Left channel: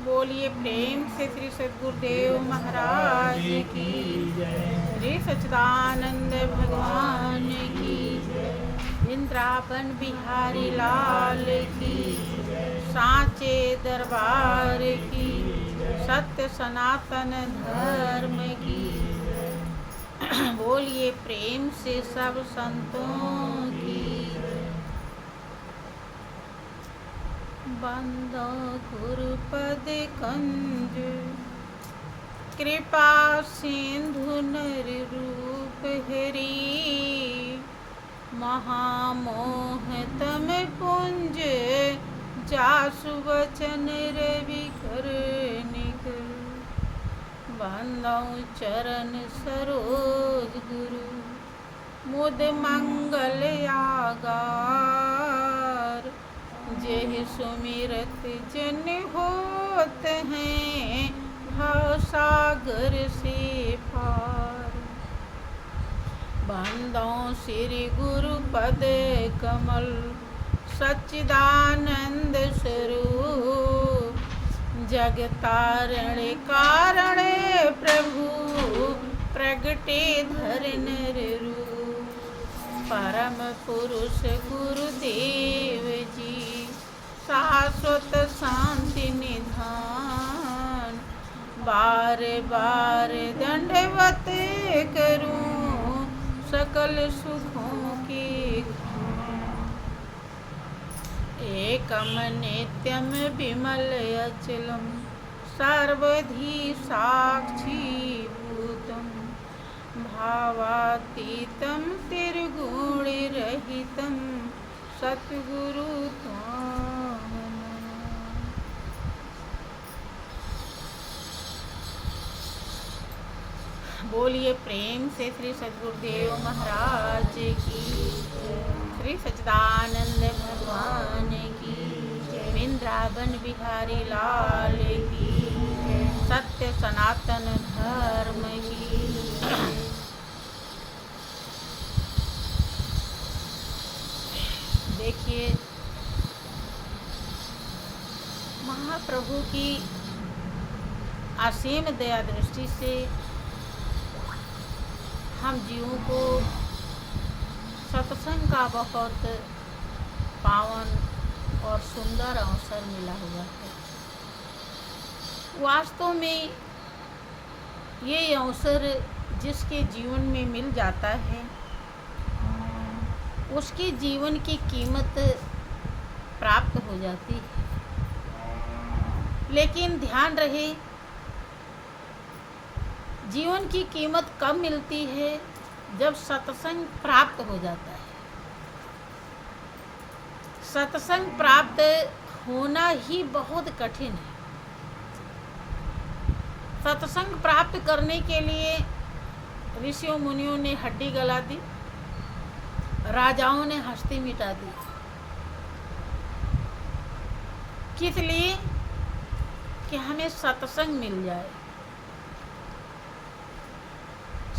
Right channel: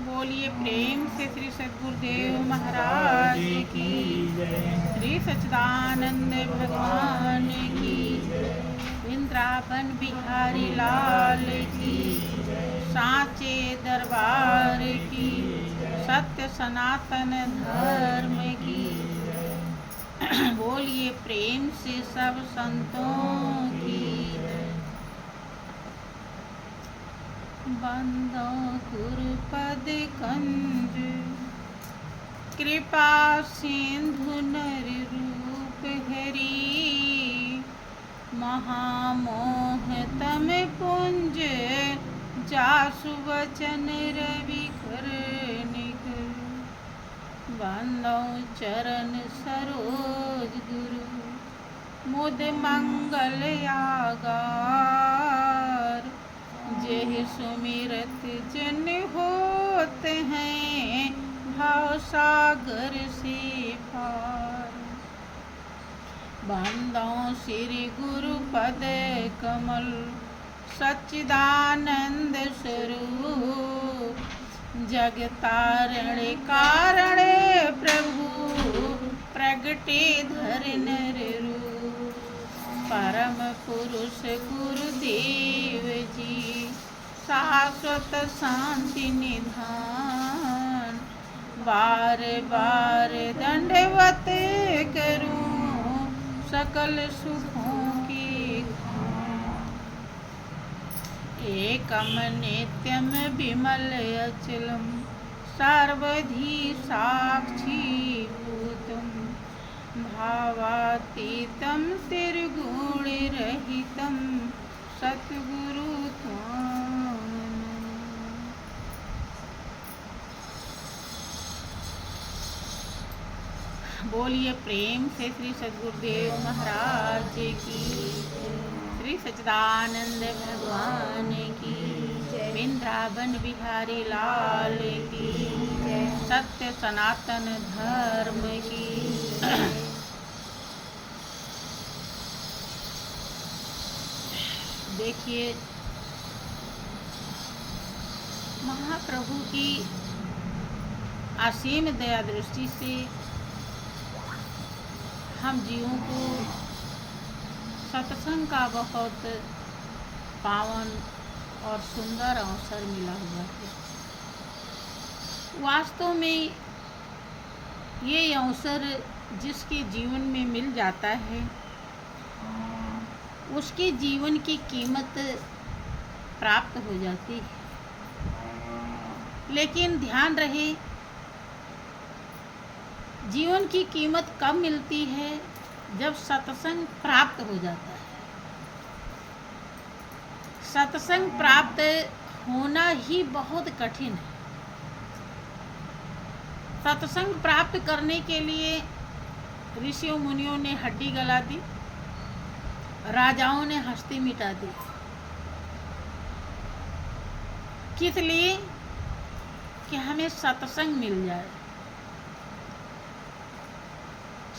बोलिए प्रेम से श्री सद्गुरुदेव महाराज की जय। श्री सच्चिदानंद भगवान की जय। वृंदावन बिहारी लाल की जय। साचे दरबार की जय। सत्य सनातन धर्म की जय। बोलिए प्रेम से सब संतों की जय। बंदो गुरुपद कंज कृपा सिंधु नर रूप हरि महामोह तम पुंज जासु वचन रवि कर निकल बंदो चरण सरोज गुरु मुद मंगल आगार जेहि सुमिरत जन होत हैं भव सागर से पार बंदों श्री गुरु पद कमल सच्चिदानंद स्वरूप जगतारण कारण प्रभु प्रगटे धरनर रूप परम पुरुष गुरुदेव जी शाश्वत शांति निधान बार बार दंडवत करूं सकल सुखों की एकम नित्यम विमल अचलम सर्वधी साक्षी भूतम भावातीतं त्रिगुण रहितं सद्गुरु त्वां नमः। बोलिए प्रेम से श्री सद्गुरुदेव महाराज की श्री सच्चिदानंद भगवान की वृंदावन बिहारी लाल की सत्य सनातन धर्म की देखिए महाप्रभु की असीम दया दृष्टि से हम जीवों को सत्संग का बहुत पावन और सुंदर अवसर मिला हुआ है। वास्तव में ये अवसर जिसके जीवन में मिल जाता है उसके जीवन की कीमत प्राप्त हो जाती है। लेकिन ध्यान रहे जीवन की कीमत कब मिलती है जब सत्संग प्राप्त हो जाता है। सत्संग प्राप्त होना ही बहुत कठिन है। सत्संग प्राप्त करने के लिए ऋषियों मुनियों ने हड्डी गला दी, राजाओं ने हस्ती मिटा दी। किस लिए? कि हमें सत्संग मिल जाए।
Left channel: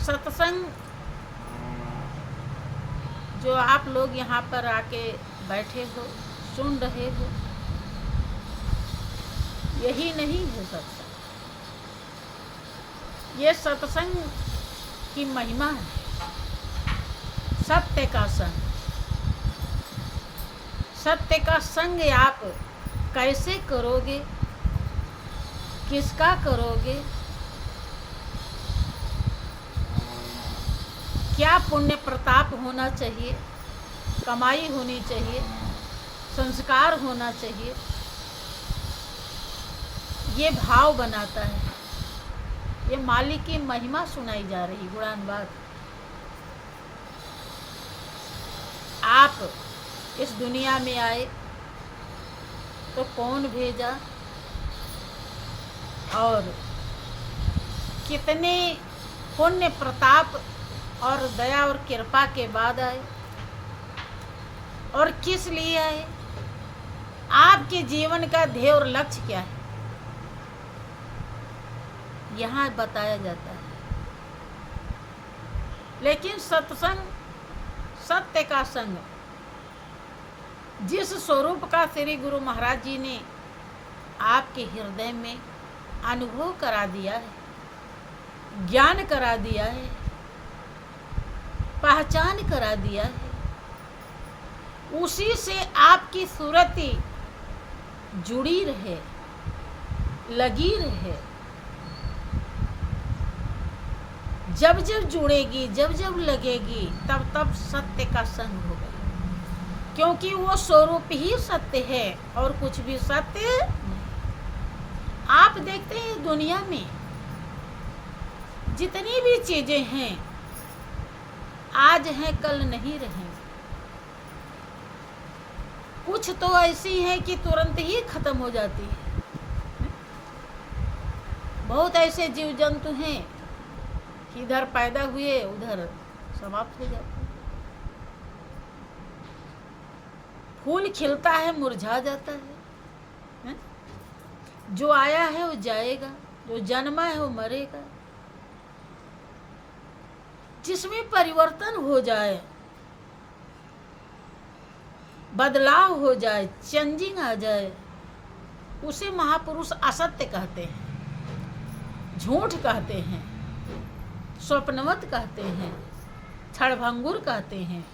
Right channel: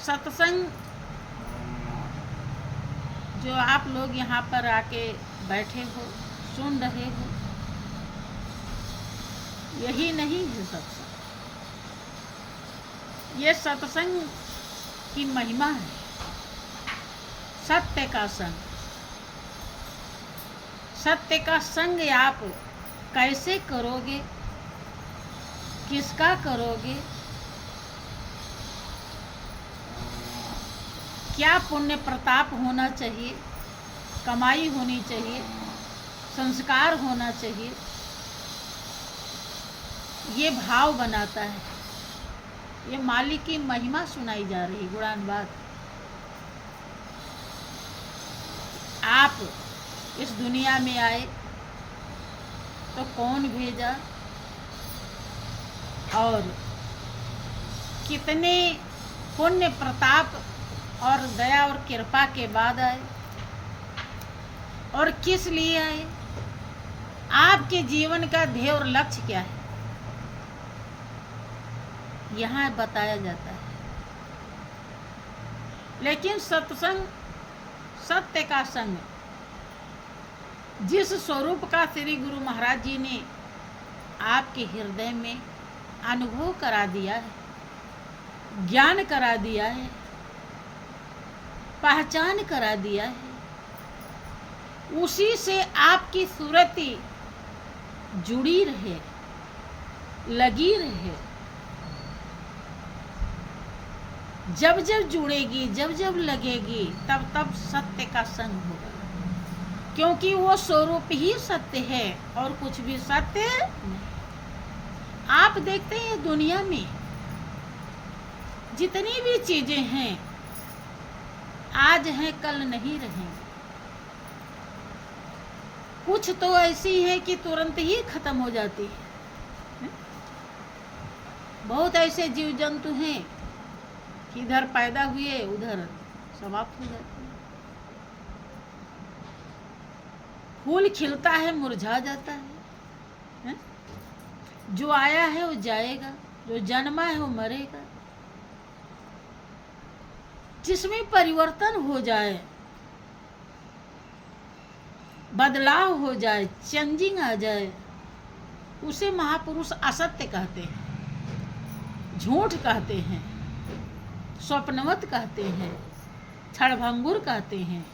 सत्संग जो आप लोग यहाँ पर आके बैठे हो, सुन रहे हो, यही नहीं है सत्संग। ये सत्संग की महिमा है। सत्य का संग। सत्य का संग आप कैसे करोगे, किसका करोगे, क्या पुण्य प्रताप होना चाहिए, कमाई होनी चाहिए, संस्कार होना चाहिए, ये भाव बनाता है। ये मालिक की महिमा सुनाई जा रही गुणानुवाद। आप इस दुनिया में आए तो कौन भेजा और कितने पुण्य प्रताप और दया और कृपा के बाद आए और किस लिए आए, आपके जीवन का ध्येय और लक्ष्य क्या है, यहाँ बताया जाता है। लेकिन सत्संग, सत्य का संग, जिस स्वरूप का श्री गुरु महाराज जी ने आपके हृदय में अनुभव करा दिया है, ज्ञान करा दिया है, पहचान करा दिया है, उसी से आपकी सुरती जुड़ी रहे, लगी रहे। जब जब जुड़ेगी, जब जब लगेगी, तब तब सत्य का संग होगा, क्योंकि वो स्वरूप ही सत्य है और कुछ भी सत्य नहीं। आप देखते हैं दुनिया में जितनी भी चीजें हैं, आज हैं कल नहीं रहे। कुछ तो ऐसी है कि तुरंत ही खत्म हो जाती है। बहुत ऐसे जीव जंतु हैं कि इधर पैदा हुए उधर समाप्त हो जाते हैं। फूल खिलता है मुरझा जाता है। जो आया है वो जाएगा, जो जन्मा है वो मरेगा। जिसमें परिवर्तन हो जाए, बदलाव हो जाए, चेंजिंग आ जाए, उसे महापुरुष असत्य कहते हैं, झूठ कहते हैं, स्वप्नवत कहते हैं, क्षणभंगुर कहते हैं।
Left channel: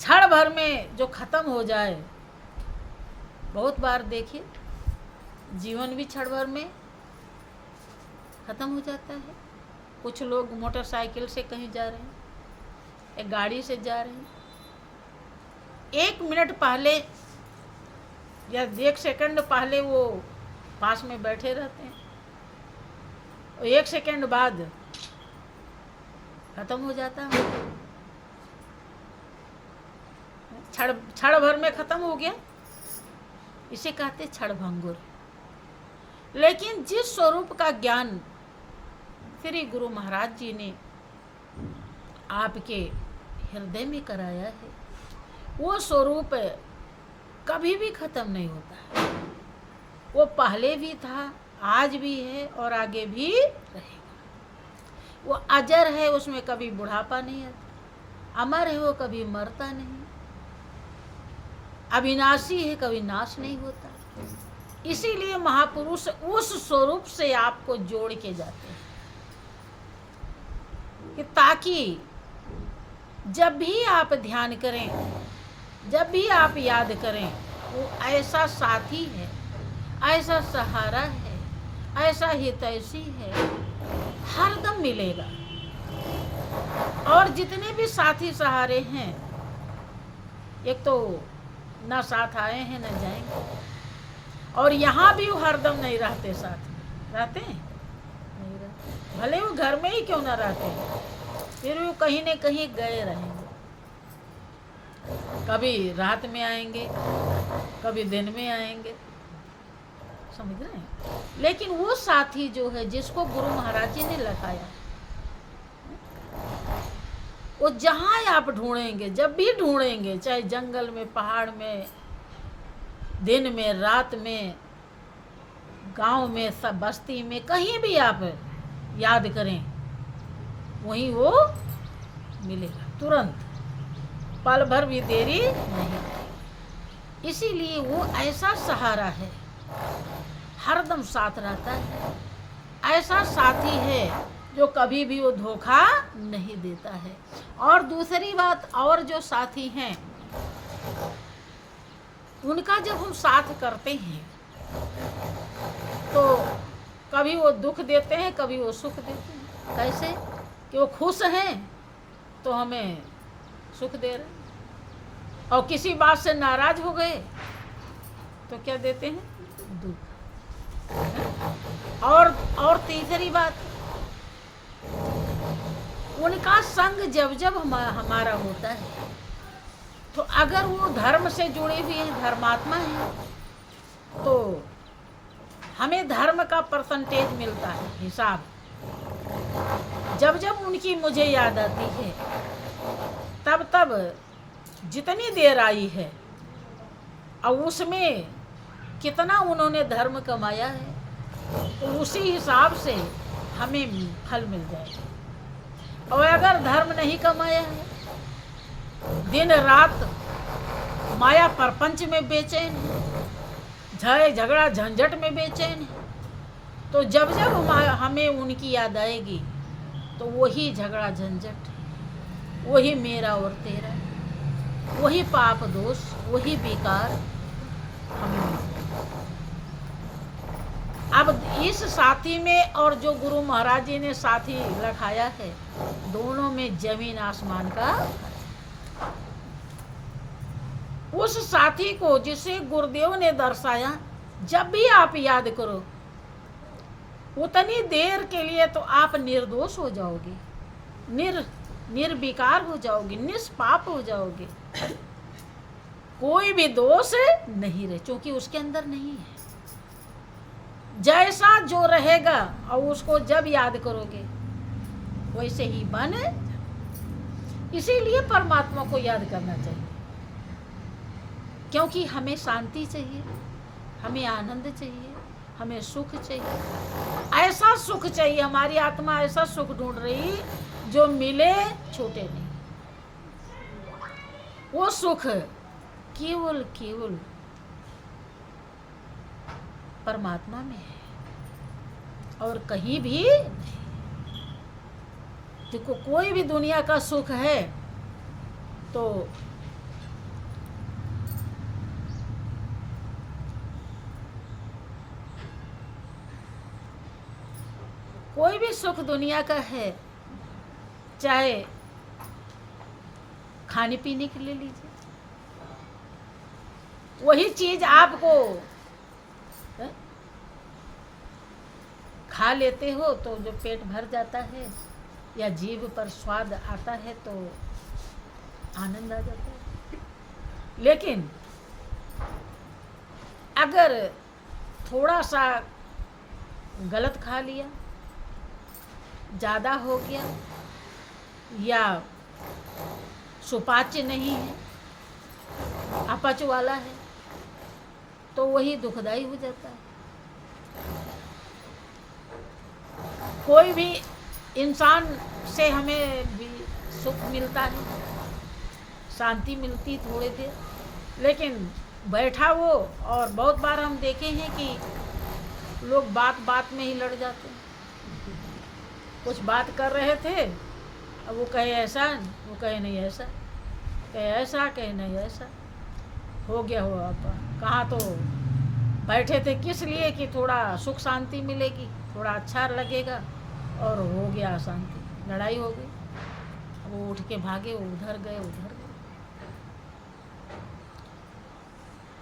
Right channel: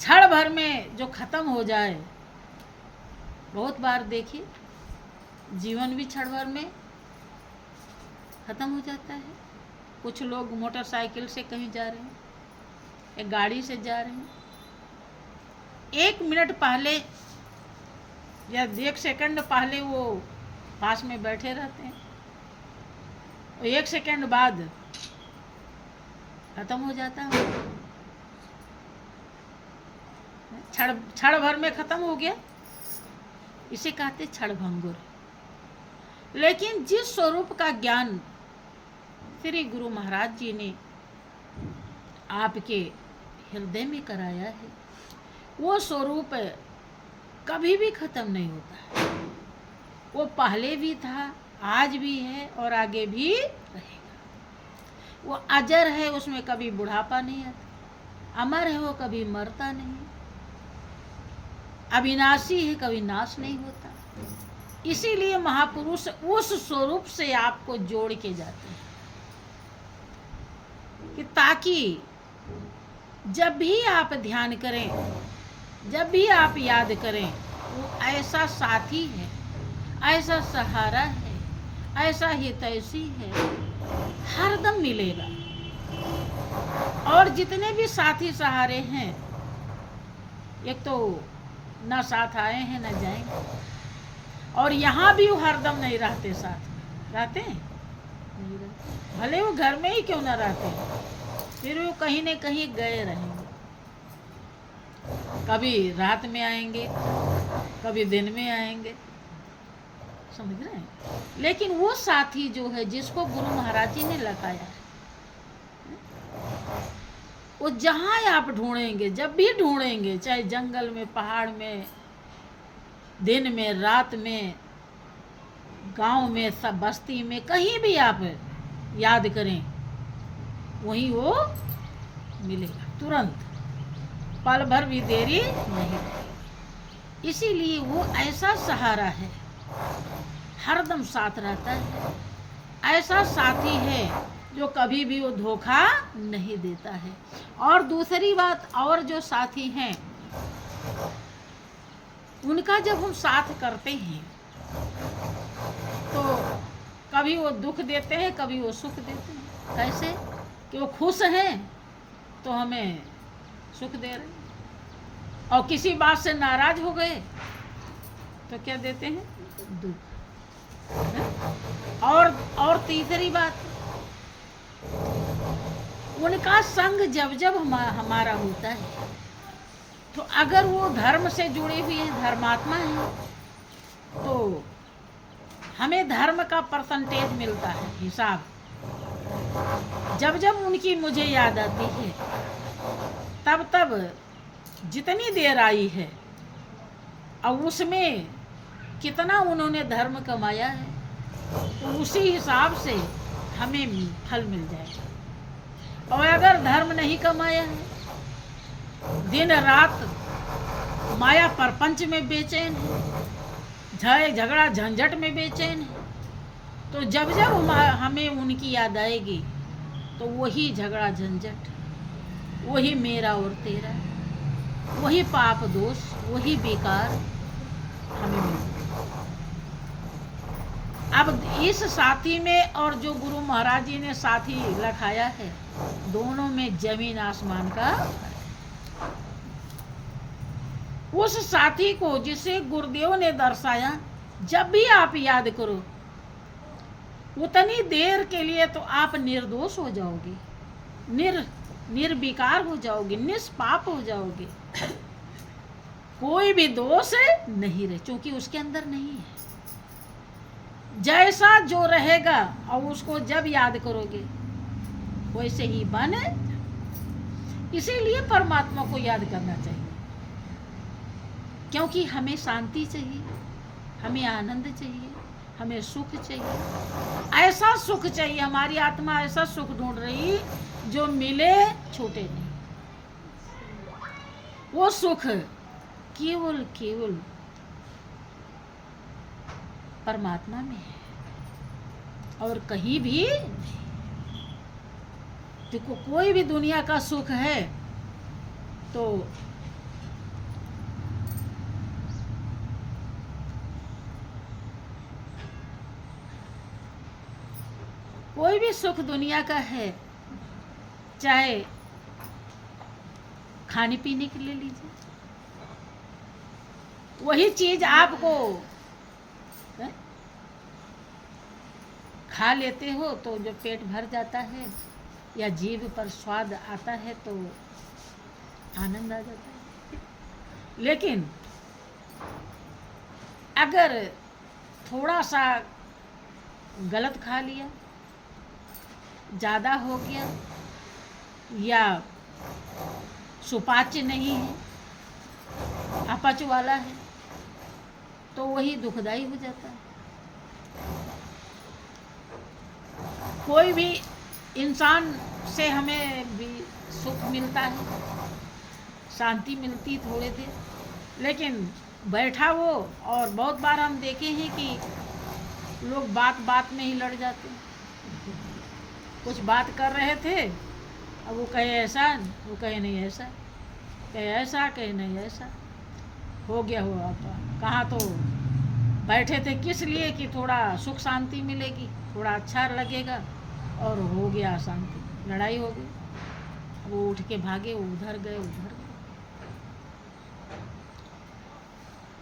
क्षण भर में जो खत्म हो जाए, बहुत बार देखिए जीवन भी क्षण भर में खत्म हो जाता है। कुछ लोग मोटरसाइकिल से कहीं जा रहे हैं, एक गाड़ी से जा रहे हैं, 1 मिनट पहले या 1 सेकंड पहले वो पास में बैठे रहते हैं और 1 सेकंड बाद खत्म हो जाता है। क्षण भर में खत्म हो गया, इसे कहते क्षणभंगुर। लेकिन जिस स्वरूप का ज्ञान श्री गुरु महाराज जी ने आपके हृदय में कराया है, वो स्वरूप कभी भी खत्म नहीं होता है। वो पहले भी था, आज भी है और आगे भी रहेगा। वो अजर है, उसमें कभी बुढ़ापा नहीं आता। अमर है, वो कभी मरता नहीं। अविनाशी है, कभी नाश नहीं होता। इसीलिए महापुरुष उस स्वरूप से आपको जोड़ के जाते हैं कि ताकि जब भी आप ध्यान करें, जब भी आप याद करें, वो ऐसा साथी है, ऐसा सहारा है, ऐसा हितैषी है, हरदम मिलेगा। और जितने भी साथी सहारे हैं, एक तो ना साथ आए हैं ना जाएंगे, और यहाँ भी वो हरदम नहीं रहते। साथ रहते हैं नहीं रहते, भले वो घर में ही क्यों ना रहते हैं, फिर वो कहीं न कहीं गए रहेंगे। कभी रात में आएंगे, कभी दिन में आएंगे, समझ रहे हैं। लेकिन वो साथी जो है, जिसको गुरु महाराज जी ने लगाया, वो जहाँ आप ढूंढेंगे, जब भी ढूंढेंगे, चाहे जंगल में, पहाड़ में, दिन में, रात में, गांव में, सब बस्ती में, कहीं भी आप याद करें, वहीं वो मिलेगा तुरंत, पल भर भी देरी नहीं। इसीलिए वो ऐसा सहारा है, हरदम साथ रहता है, ऐसा साथी है जो कभी भी वो धोखा नहीं देता है। और दूसरी बात, और जो साथी हैं, उनका जब हम साथ करते हैं तो कभी वो दुख देते हैं, कभी वो सुख देते हैं। कैसे कि वो खुश हैं तो हमें सुख दे रहे हैं, और किसी बात से नाराज हो गए तो क्या देते हैं? दुख। और तीसरी बात, उनका संग जब जब हमारा होता है, तो अगर वो धर्म से जुड़े हुए हैं, धर्मात्मा है, तो हमें धर्म का परसेंटेज मिलता है, हिसाब। जब जब उनकी मुझे याद आती है, तब तब जितनी देर आई है और उसमें कितना उन्होंने धर्म कमाया है, तो उसी हिसाब से हमें फल मिल जाएगा। और अगर धर्म नहीं कमाया है, दिन रात माया प्रपंच में बेचैन, झगड़ा झंझट में बेचैन। तो जब जब हमें उनकी याद आएगी तो वही झगड़ा झंझट, वही मेरा और तेरा, वही पाप दोष, वही बेकार हमें मिलेगा। अब इस साथी में और जो गुरु महाराज जी ने साथी रखाया है, दोनों में जमीन आसमान का। उस साथी को जिसे गुरुदेव ने दर्शाया, जब भी आप याद करो उतनी देर के लिए तो आप निर्दोष हो जाओगे, निर्विकार हो जाओगे, निष्पाप हो जाओगे। कोई भी दोष नहीं रहे, क्योंकि उसके अंदर नहीं है। जैसा जो रहेगा और उसको जब याद करोगे वैसे ही बने। इसीलिए परमात्मा को याद करना चाहिए, क्योंकि हमें शांति चाहिए, हमें आनंद चाहिए, हमें सुख चाहिए। ऐसा सुख चाहिए, हमारी आत्मा ऐसा सुख ढूंढ रही जो मिले छूटे नहीं। वो सुख केवल केवल परमात्मा में है और कहीं भी नहीं। देखो, कोई भी दुनिया का सुख है तो कोई भी सुख दुनिया का है, चाहे खाने पीने के लिए लीजिए, वही चीज आपको खा लेते हो तो जो पेट भर जाता है या जीभ पर स्वाद आता है तो आनंद आ जाता है। लेकिन अगर थोड़ा सा गलत खा लिया, ज़्यादा हो गया या सुपाच्य नहीं है, अपच वाला है, तो वही दुखदाई हो जाता है। कोई भी इंसान से हमें भी सुख मिलता है, शांति मिलती थोड़े देर, लेकिन बैठा वो, और बहुत बार हम देखे हैं कि लोग बात बात में ही लड़ जाते हैं। कुछ बात कर रहे थे, अब वो कहे ऐसा, वो कहे नहीं ऐसा, कहे ऐसा, कहे नहीं ऐसा, हो गया हो। अब कहाँ तो बैठे थे किस लिए कि थोड़ा सुख शांति मिलेगी, थोड़ा अच्छा लगेगा, और हो गया शांति, लड़ाई हो गई। वो उठ के भागे, उधर गए उधर गए।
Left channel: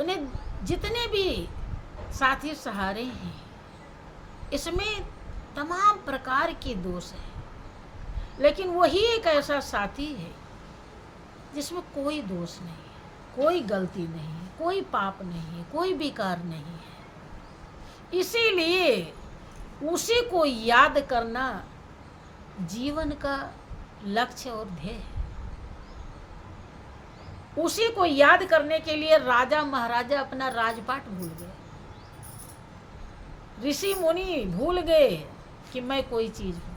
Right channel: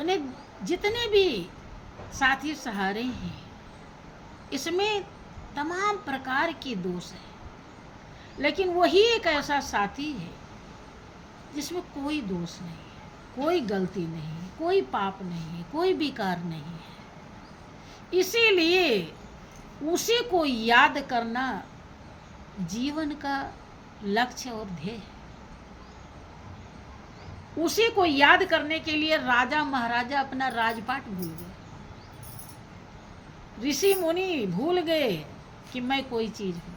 उन्हें जितने भी साथी सहारे हैं, इसमें तमाम प्रकार के दोष हैं, लेकिन वही एक ऐसा साथी है जिसमें कोई दोष नहीं, कोई गलती नहीं, कोई पाप नहीं, कोई विकार नहीं है। इसीलिए उसी को याद करना जीवन का लक्ष्य और ध्येय है। उसी को याद करने के लिए राजा महाराजा अपना राजपाट भूल गए, ऋषि मुनि भूल गए कि मैं कोई चीज हूं।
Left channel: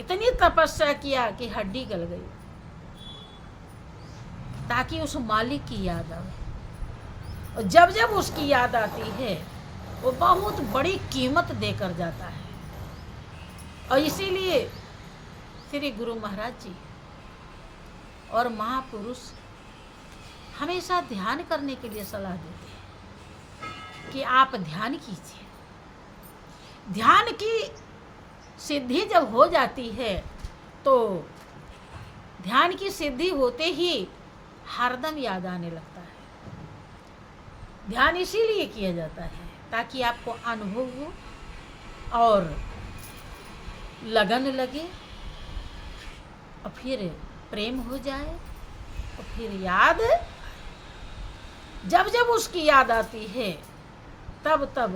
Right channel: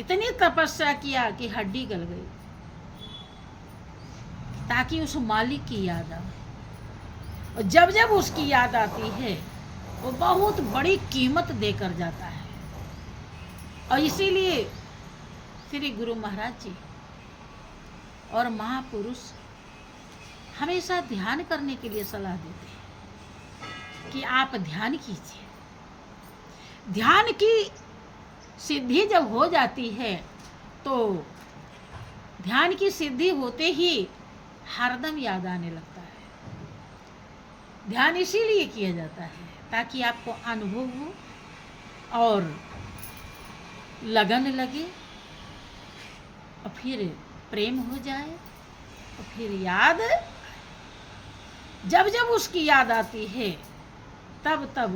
इतनी तपस्या किया कि हड्डी गल गई, ताकि उस मालिक की याद आए। और जब जब उसकी याद आती है वो बहुत बड़ी कीमत देकर जाता है। और इसीलिए श्री गुरु महाराज जी और महापुरुष हमेशा ध्यान करने के लिए सलाह देते हैं कि आप ध्यान कीजिए। ध्यान की सिद्धि जब हो जाती है तो ध्यान की सिद्धि होते ही हरदम याद आने लगता है। ध्यान इसीलिए किया जाता है ताकि आपको अनुभव हो और लगन लगे, और फिर प्रेम हो जाए, और फिर याद। जब जब उसकी याद आती है तब तब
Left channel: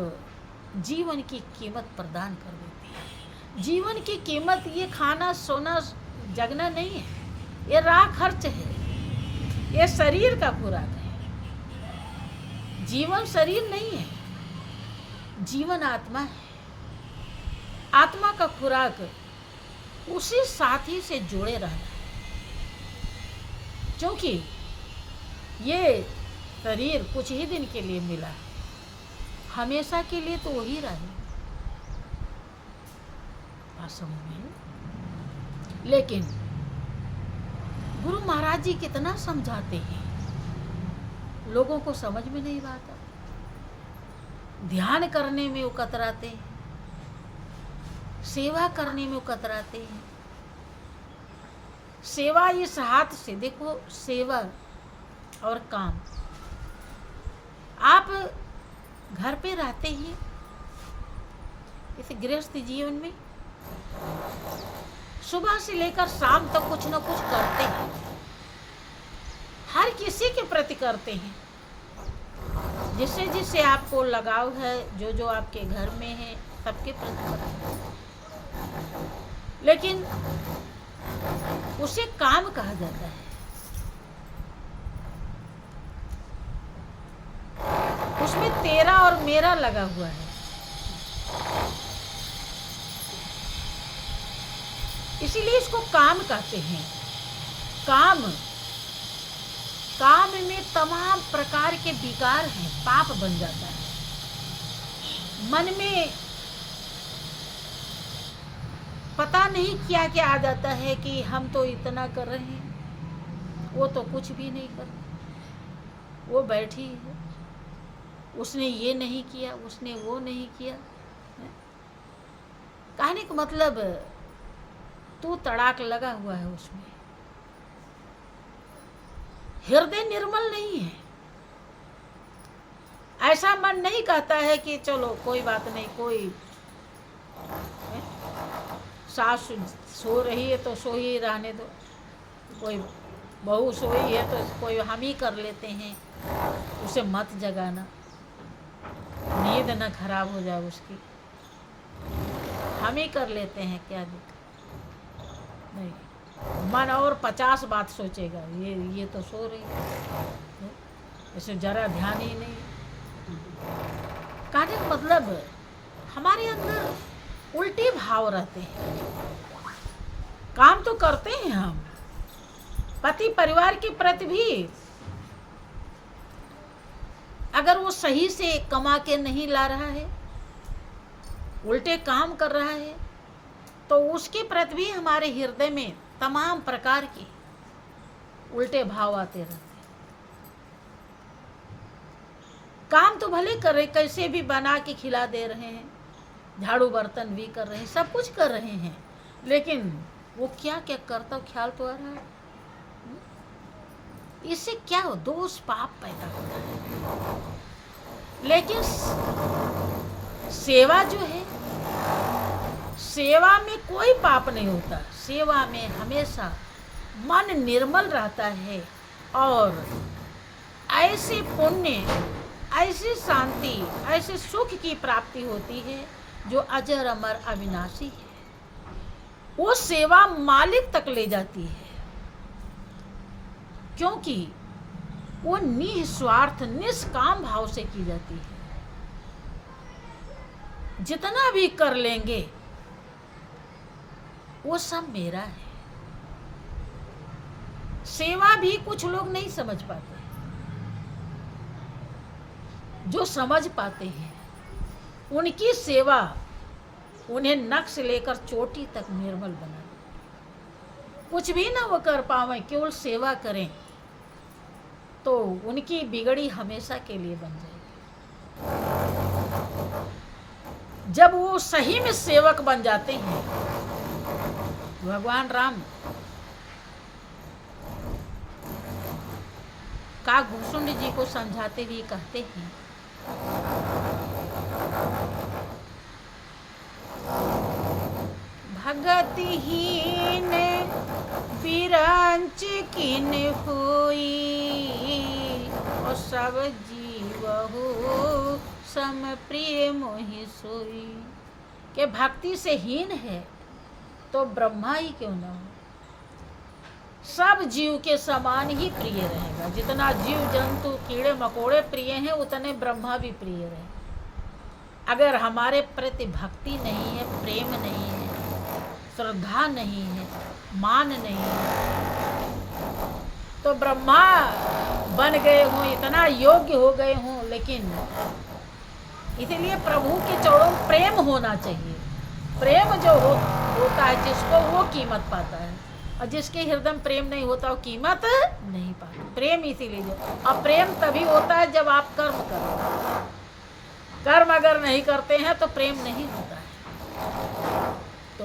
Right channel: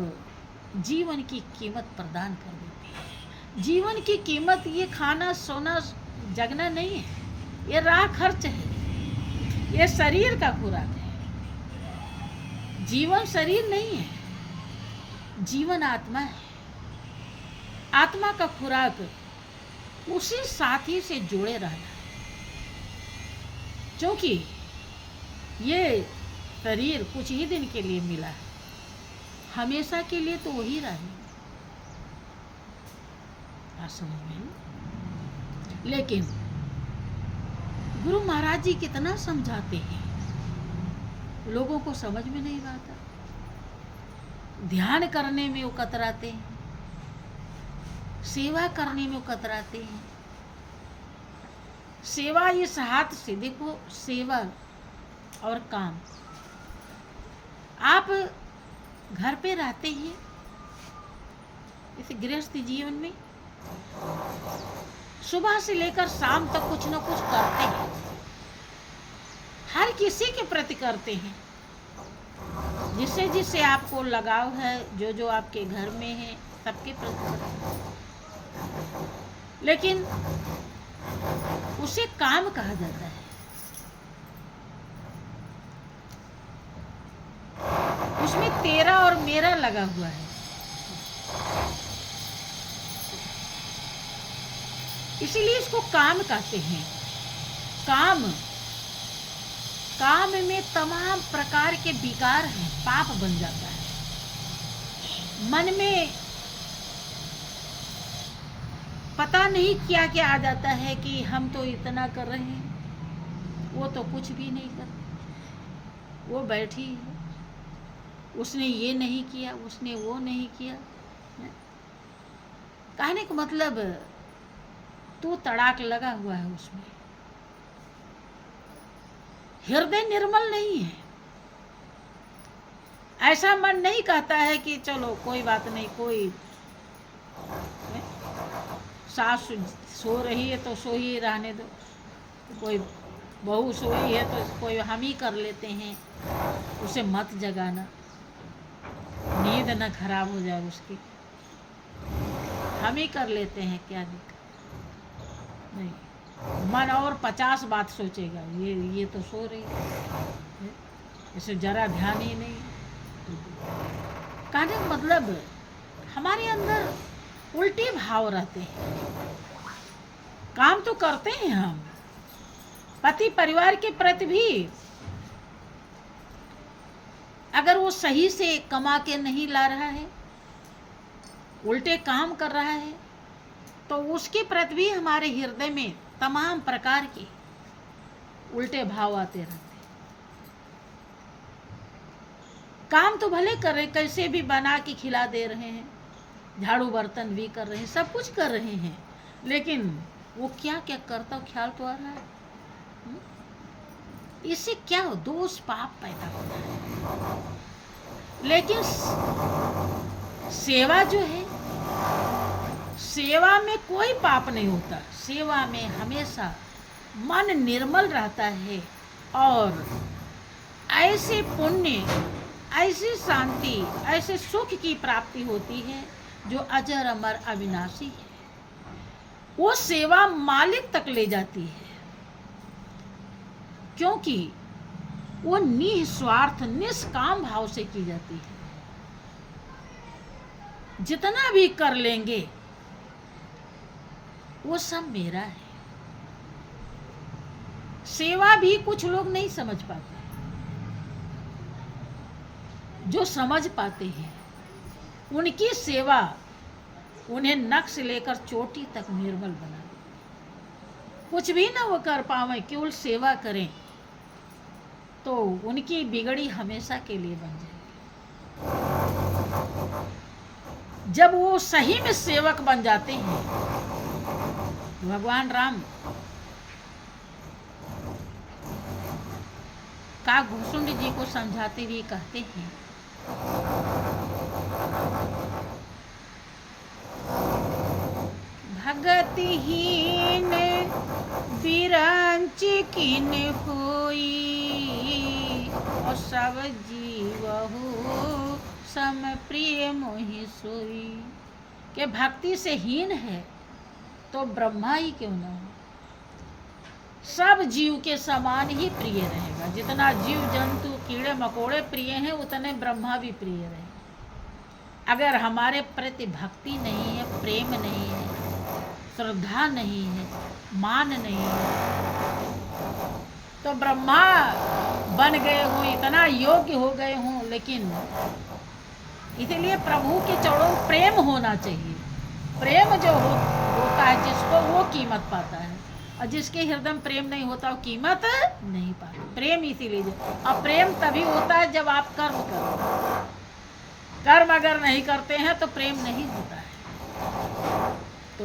जीवन की कीमत प्रदान कर देती है। जीवन की कीमत ये खाना सोना जगना नहीं है, ये राह खर्च है, ये शरीर का खुराक है। जीवन शरीर नहीं है, जीवन आत्मा है। आत्मा का खुराक उसी साथी से जुड़े रहना है, क्योंकि ये शरीर कुछ ही दिन के लिए मिला है, हमेशा के लिए तो वही रहे। बात समझिए। लेकिन गुरु महाराज जी कितना समझाते हैं, लोगों को समझ में नहीं आता। ध्यान करने में वो कतराते हैं, सेवा करने में वो कतराते हैं। सेवा इस हाथ से देखो, सेवा और काम। आप घर पे रहते हैं, इस गृहस्थ जीवन में सुबह से लेकर शाम तक कुछ न कुछ करते हैं, हर किसी के प्रति करते हैं, जिससे जिससे आपको लगाव है, जो जो आपके घर में है, सबके प्रति करते हैं। लेकिन उसे काम कहा जाता है। उसमें तेरा और मेरा लगा हुआ है। इसीलिए इसको काम कहते हैं। काम में तमाम प्रकार के विकार हैं, पाप बन जाता है। मन में पता नहीं क्या क्या आ जाता है कि हम तो इतना कर रहे हैं, वो तो कुछ भी नहीं कर, वो बैठी है, उसने ये नहीं किया, उसने वो नहीं किया। कहने का मतलब तू तड़ाक लगा हुआ है उसमें, हृदय निर्मल नहीं है। ऐसा मन नहीं कहता है कि चलो कोई बात नहीं, कोई सास सो रही है तो सो ही रहने दो, कोई बहू सोई है तो कोई हम ही कर लेते हैं, उसे मत जगाना, नींद ना खराब हो जाए उसकी, हम ही कर लेते हैं, क्या दिक्कत नहीं। मन और 50 बात सोचेगा, ये तो सो रही है, इसे जरा ध्यान ही नहीं। कहने का मतलब हमारे अंदर उल्टे भाव रहते हैं। काम तो करते हैं हम, पति परिवार के प्रति भी अगर वो सही से कमा के नहीं ला रहा है, उल्टे काम कर रहा है, तो उसके प्रति भी हमारे हृदय में तमाम प्रकार के उल्टे भाव आते रहते हैं। काम तो भले कर रहे, कैसे भी बना के खिला दे रहे हैं, झाड़ू बर्तन भी कर रहे हैं, सब कुछ कर रहे हैं, लेकिन वो क्या क्या करता हो ख्याल तो आ रहा है। इससे क्या हो, दोष पाप पैदा होता है। लेकिन सेवा जो है, सेवा में कोई पाप नहीं होता। सेवा में हमेशा मन निर्मल रहता है और ऐसे पुण्य, ऐसी शांति, ऐसे सुख की प्राप्ति होती है जो अजर अमर अविनाशी है। वो सेवा मालिक तक ले जाती है, क्योंकि वो निस्वार्थ निष्काम भाव से की जाती है। जितना भी कर लेंगे वो सब मेरा है। सेवा भी कुछ लोग नहीं समझ पाते, जो समझ पाते हैं उनकी सेवा उन्हें नख से लेकर चोटी तक निर्मल बना दे। कुछ भी ना वो कर पावे, केवल सेवा करें तो उनकी बिगड़ी हमेशा के लिए बन जाएगी। जब वो सही में सेवक बन जाते हैं, भगवान राम का घुसुंडी जी को समझाते हुए कहते हैं, भगतिहीन बिरंच किन होई, और सब जीव हो सम प्रिय मोहि सोई। के भक्ति से हीन है तो ब्रह्मा ही क्यों ना हो, सब जीव के समान ही प्रिय रहेगा। जितना जीव जंतु कीड़े मकोड़े प्रिय हैं, उतने ब्रह्मा भी प्रिय रहे। अगर हमारे प्रति भक्ति नहीं है, प्रेम नहीं है, श्रद्धा नहीं है, मान नहीं है, तो ब्रह्मा बन गए हूँ, इतना योग्य हो गए हूँ, लेकिन इसलिए प्रभु के चरणों में प्रेम होना चाहिए। प्रेम जो होता है जिसको, वो कीमत पाता है, और जिसके हृदय में प्रेम नहीं होता वो कीमत नहीं पाता। प्रेम इसीलिए, और प्रेम तभी होता है जब आप कर्म करो। कर्म अगर नहीं करते हैं तो प्रेम नहीं होता है। तो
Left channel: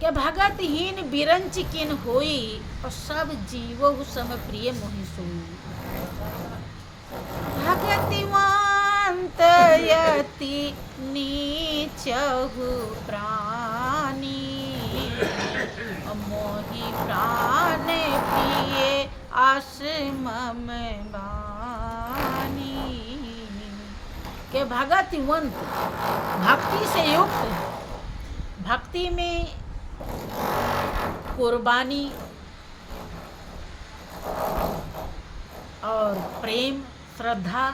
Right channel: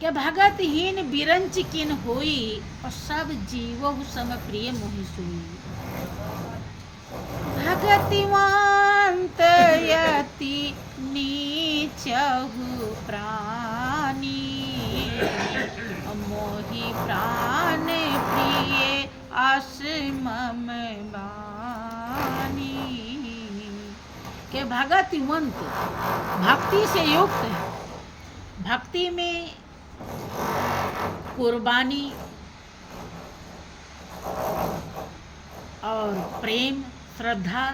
क्या भगतहीन बिरंच किन होई, और सब जीवो सम प्रिय मोहि सोई। भगतिवंत यति नीचहु प्राणी, मोहि प्राण प्रिय आस मम बानी। के भगतिवंत, भक्ति से युक्त है, भक्ति में कुर्बानी और प्रेम, श्रद्धा,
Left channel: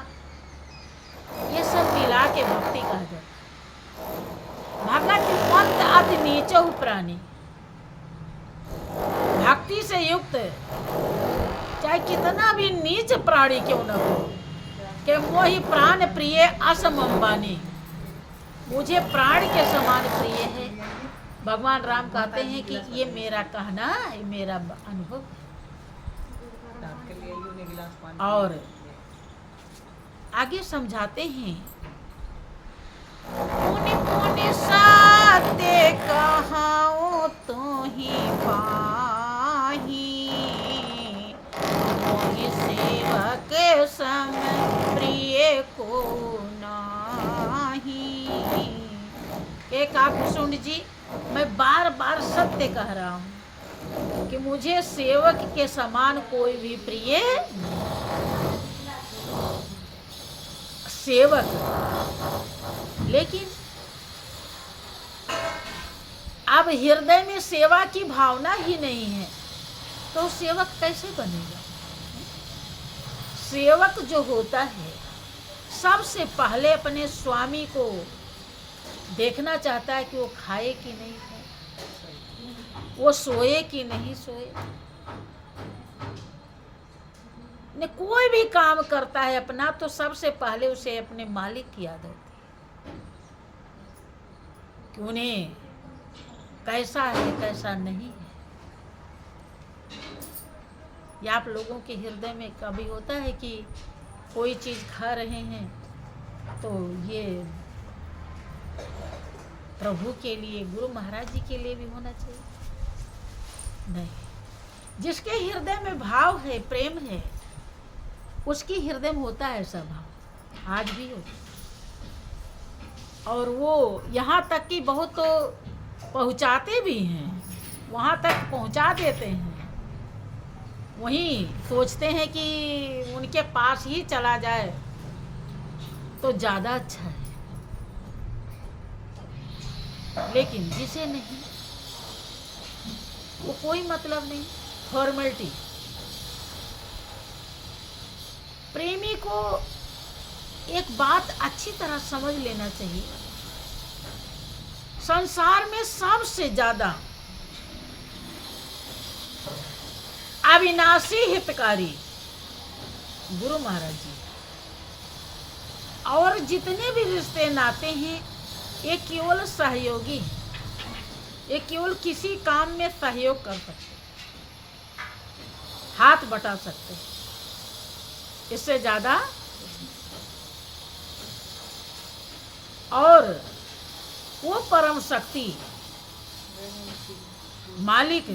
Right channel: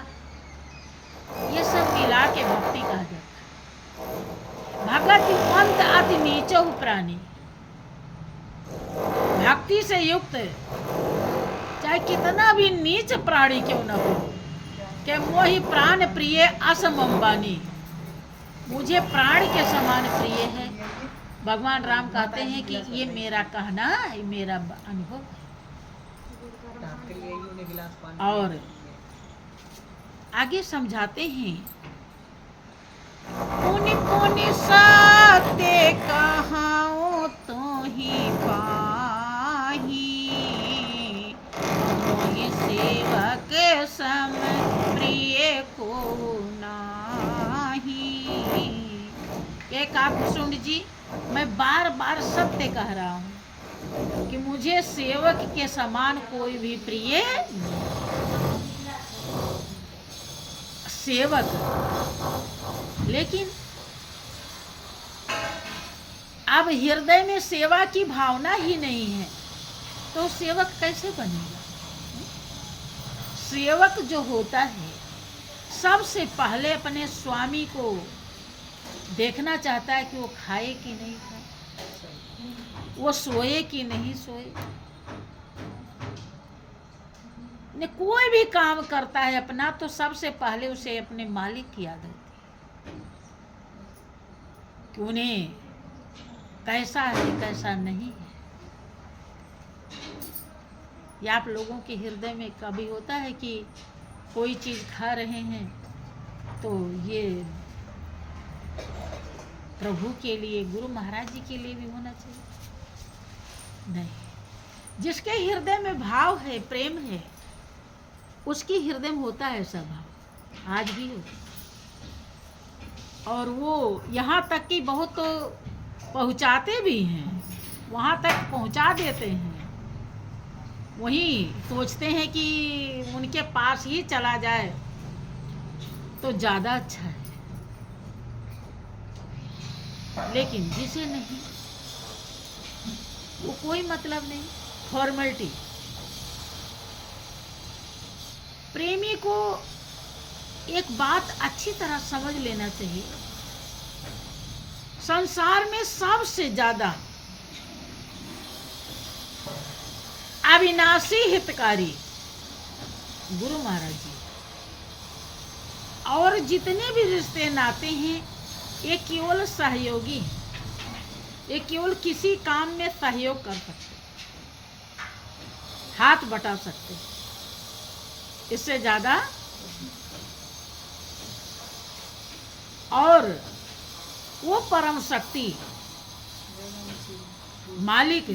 ये सब मिला के भक्ति कहा जाता है। भगतिवंत अति नीचहु प्राणी, भक्ति से युक्त चाहे कितना भी नीच प्राणी क्यों न हो, कि मोहि प्राण प्रिय असम अंबानी, मुझे प्राण के समान प्रिय है। भगवान राम कहते हैं कि ये मेरा कहना, ये मेरा अनुभव। और आगे समझाते हैं, पुनि पुनि साते कहाओ तो ही पाही, मोहि सेवक सम प्रिय को नाही। एक काकुशुंड जी, मैं बार बार सत्य कह रहा हूँ कि मुझे सेवक के समान कोई भी प्रिय नहीं। सेवक, लेकिन अब हृदय में सेवा की भावना ही नहीं है तो सेवक कैसे बनेगा? सेवक जो होता है सबसे पहले अपने स्वामी को देखना चाहता है कि वो खाए कि नहीं खाए, वो सोए कि नहीं सोए। ने कोई भी काम करता है अपना तो सबसे पहले उसे अपने मालिक की याद होती है कि उन्हें कैसा है कैसा नहीं है। या आप लोगों के हृदय में कभी होता है कि कोई चीज़ खा रहे हैं तो ये प्रभु के लिए, गुरु महाराज जी के लिए भी होना चाहिए? नहीं। जिसके हृदय में भाव है, प्रेम है, उसकी हृदय में होता है ऐसा भाव, आज भी होता है। और वो यहाँ तक कि बहुत तो पहुँचाते भी हैं, वहाँ तक पहुँचा देते हैं। वहीं सोचते हैं कि उनके पास ही चला जाए तो ज़्यादा अच्छा है, लेकिन जिसे नहीं, वो कोई मतलब नहीं, फॉर्मेलिटी। प्रेमी को एक बात अच्छी तरह समझ लेना चाहिए, संसार में सबसे ज्यादा अविनाशी हितकारी गुरु महाराज जी, और जितने भी रिश्ते नाते हैं ये केवल सहयोगी हैं, ये केवल किसी काम में सहयोग कर सकते, हाथ बटा सकते, इससे ज्यादा। और वो परम शक्ति मालिक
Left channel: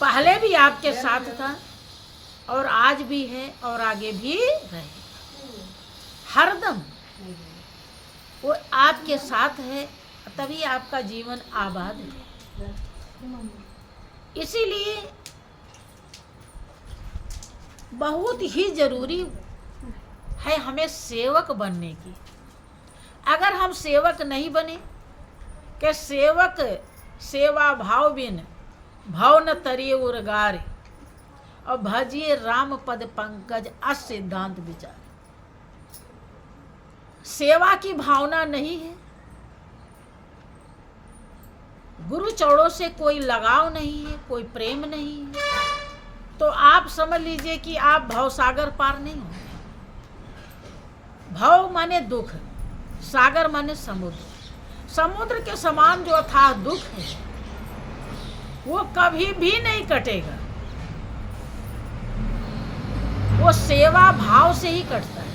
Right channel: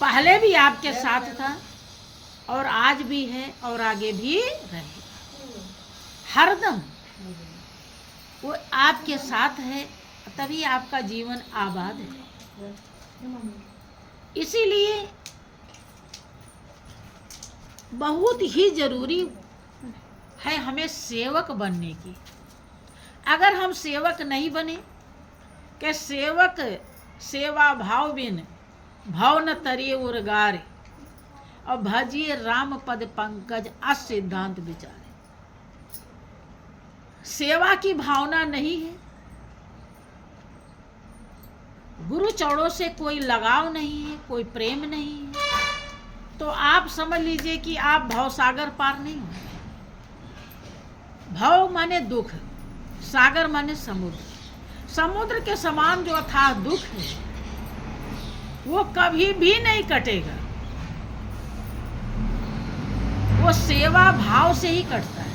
पहले भी आपके साथ था और आज भी है और आगे भी रहेगा। हरदम वो आपके साथ है, तभी आपका जीवन आबाद है। इसीलिए बहुत ही जरूरी है हमें सेवक बनने की। अगर हम सेवक नहीं बने, कि सेवक सेवा भाव बिन भाव न तरिए उर्गारे, और भजिए राम पद पंकज असिद्धांत विचारे। सेवा की भावना नहीं है, गुरु चरणों से कोई लगाव नहीं है, कोई प्रेम नहीं है, तो आप समझ लीजिए कि आप भवसागर पार नहीं हो। भव माने दुख, सागर माने समुद्र। समुद्र के समान जो अथाह दुख है वो कभी भी नहीं कटेगा, वो सेवा भाव से ही कटता है।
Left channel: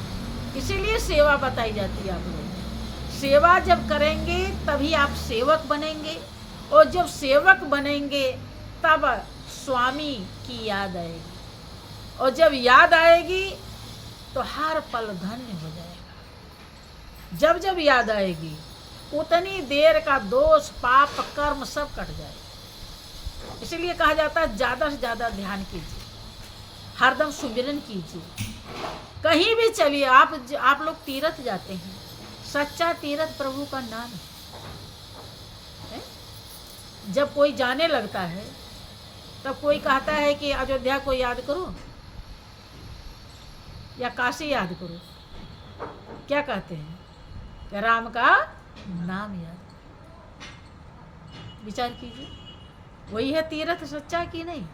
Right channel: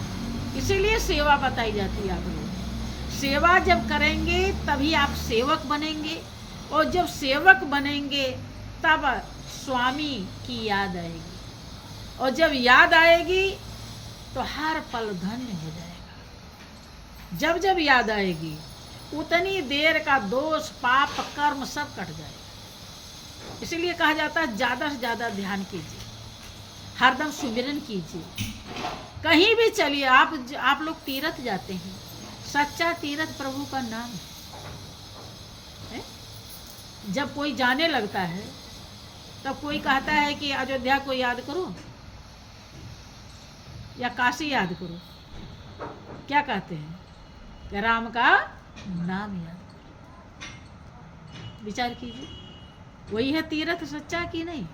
इसीलिए सेवा बताई जाती है आप लोग। सेवा जब करेंगे तभी आप सेवक बनेंगे, और जब सेवक बनेंगे तब स्वामी की याद आएगी, और जब याद आएगी तो हर पल धन्य हो जाएगा। जब जब याद आएगी उतनी देर का दोष पाप कर्म सब कट जाएगा। इसीलिए कहा जाता है ज़्यादा से ज़्यादा ध्यान कीजिए, हरदम सुमिरन कीजिए। कहीं भी चलिए, आप लोग तीर्थ जाते हैं, सच्चा तीर्थ प्रभु का नाम है। जब कोई जाने लगता है तब कोई कहता है कि अयोध्या को याद करो या काशी याद करो, क्या कहते हैं कि राम का नाम याद करो। विचार कीजिए, वही है तीर्थ सच्चा कि नहीं?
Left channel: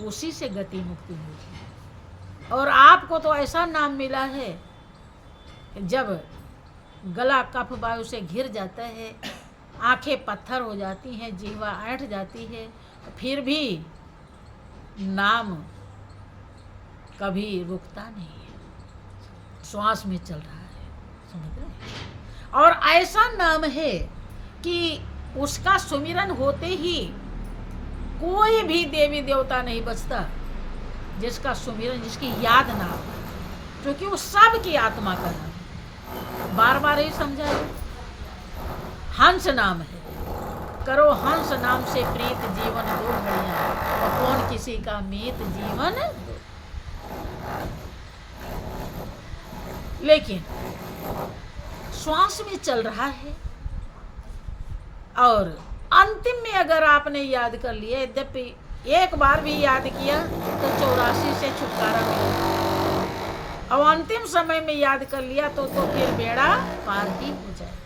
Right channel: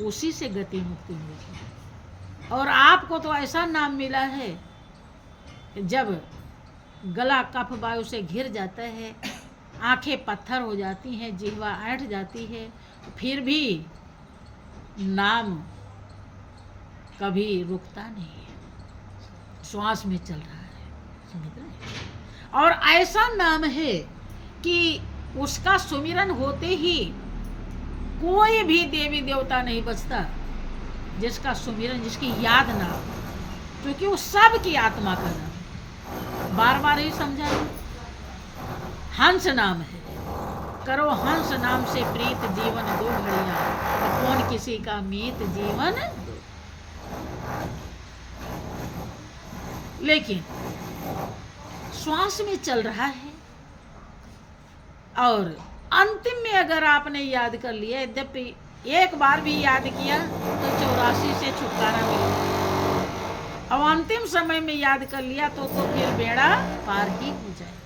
उसी से गति मुक्ति होगी। और आपको तो ऐसा नाम मिला है, जब गला कफ वायु से घिर जाता है, आंखें पत्थर हो जाती हैं, जिह्वा ऐंठ जाती है, फिर भी नाम कभी रुकता नहीं है, श्वास में चल रहा है, समझ रहे? और ऐसा नाम है कि उसका सुमिरन होते ही कोई भी देवी देवता नहीं बचता जिसका सुमिरन, जिसकी याद ना हो, क्योंकि वो सब की आत्मा का नाम है। बार बार ही समझाइए, हंस नाम है, करो हंस नाम से प्रीत जीवन दो घड़ियां, और कौन किसी का मीत जीवन। लेकिन श्वास में चल रहा है, और अंतिम में अगर आपने याद कर लिया, यद्यपि एक बार भी याद किया तो 84 से छुटकारा मिलेगा, और अंतिम समय में याद कर लिया तो फिर बेड़ा पार ही हो जाएगा।